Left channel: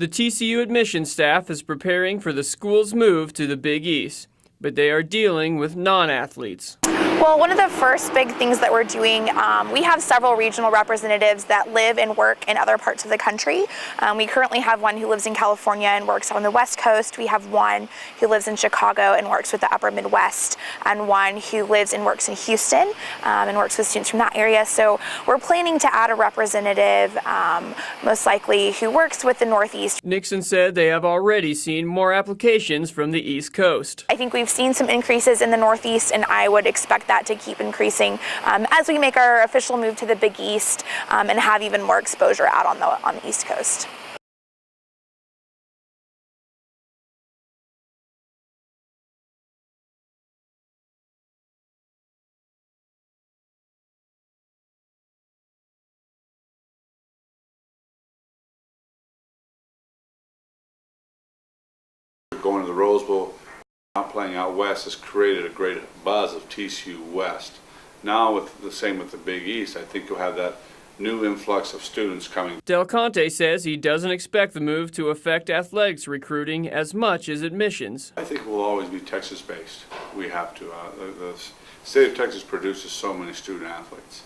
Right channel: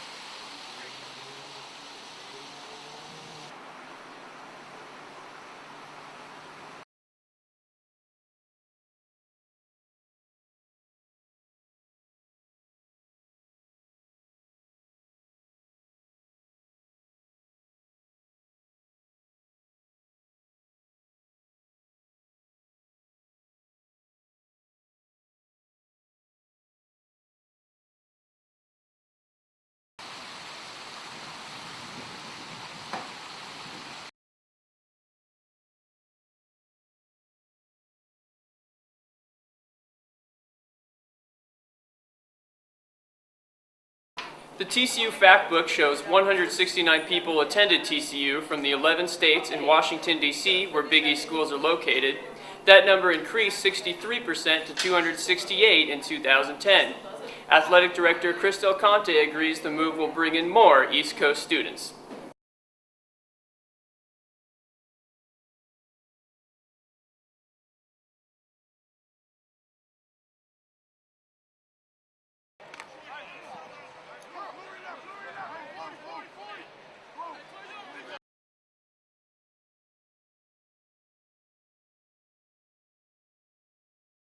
The TCU admissions staff is preparing for the school's move to the Big East, but they are dealing with non-athletes. Well, one of the first big things that we're doing, we have several regional representatives that live and work in other parts of the country. We currently have one who lives in California and works on the West Coast. We have one who lives in Chicago and works with the Upper Midwest, and one who lives and works in Houston and works with students from that area. So we're planning to add a representative, most likely who works with the Northeast. Nixon said they have already seen more applications from the East Coast. I think we've seen some increases in the Northeast, and I would expect that to keep increasing as we make our official move to the Big East and have even more exposure out on the East Coast. The TCU fact book shows 169 people attended TCU from the 11 states in Washington, D.C., where Big East schools are located. That number increased 63% to 268 in 2010. Athletic Director Chris Del Conte agrees the move will bring in more East Coast students. Going to the Rose Bowl, not playing out west, has created a great buzz of TCU West. Now with the same with the Big East, I think you'll have that new influx of students coming. Del Conte says he doesn't expect the move to affect athletics recruiting as much as admissions. I think we'll always be Texas-based. We have to. The state of Texas produces so many student athletes.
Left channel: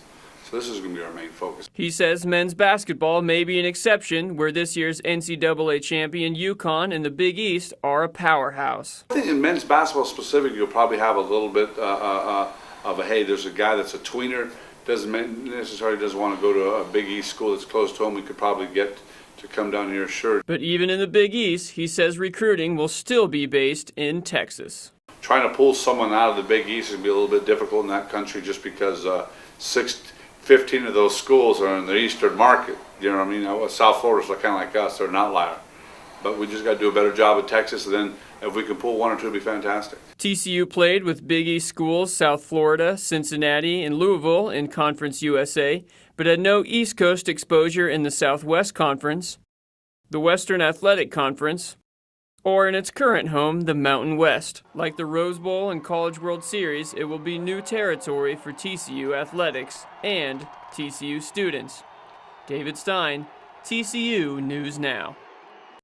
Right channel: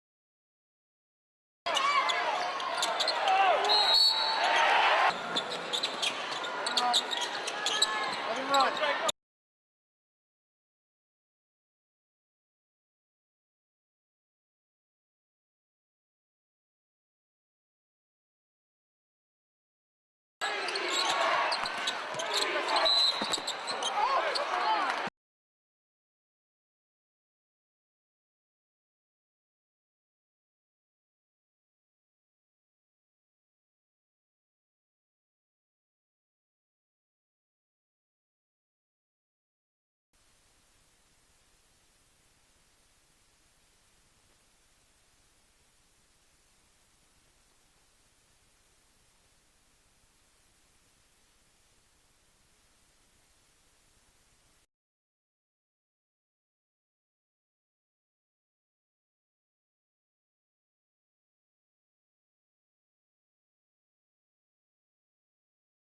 So this is going to be our main focus. He says men's basketball may be an exception, where this year's NCAA champion UConn and the Big East are a powerhouse. I think in men's basketball specifically, you'll probably have a little bit of a, hey, there's a guy that's a tweener, doesn't necessarily doesn't want to go to a Big East school that's close to home. We could probably get to come down here, sure. But even in the Big East, he says recruiting will still be based in Texas. Trying to pull someone out of the Big East would be a little bit difficult in that country, just because 15 of those schools are in the eastern market. You know what I mean? South Florida's kind of like us, they're an outlier. But we just got to do a better job at Texas, and then if we can pull one or two, it'd be fantastic. TCU played with Big East schools South Florida, Cincinnati, and Louisville in Conference USA, but had no East Coast exposure in the Southwest Conference, the Western Athletic Conference, or in its current home, the Mountain West. Like the Rose Bowl and College World Series, it will be new territory for TCU athletics and TCU students. David Stein, TCU News Now.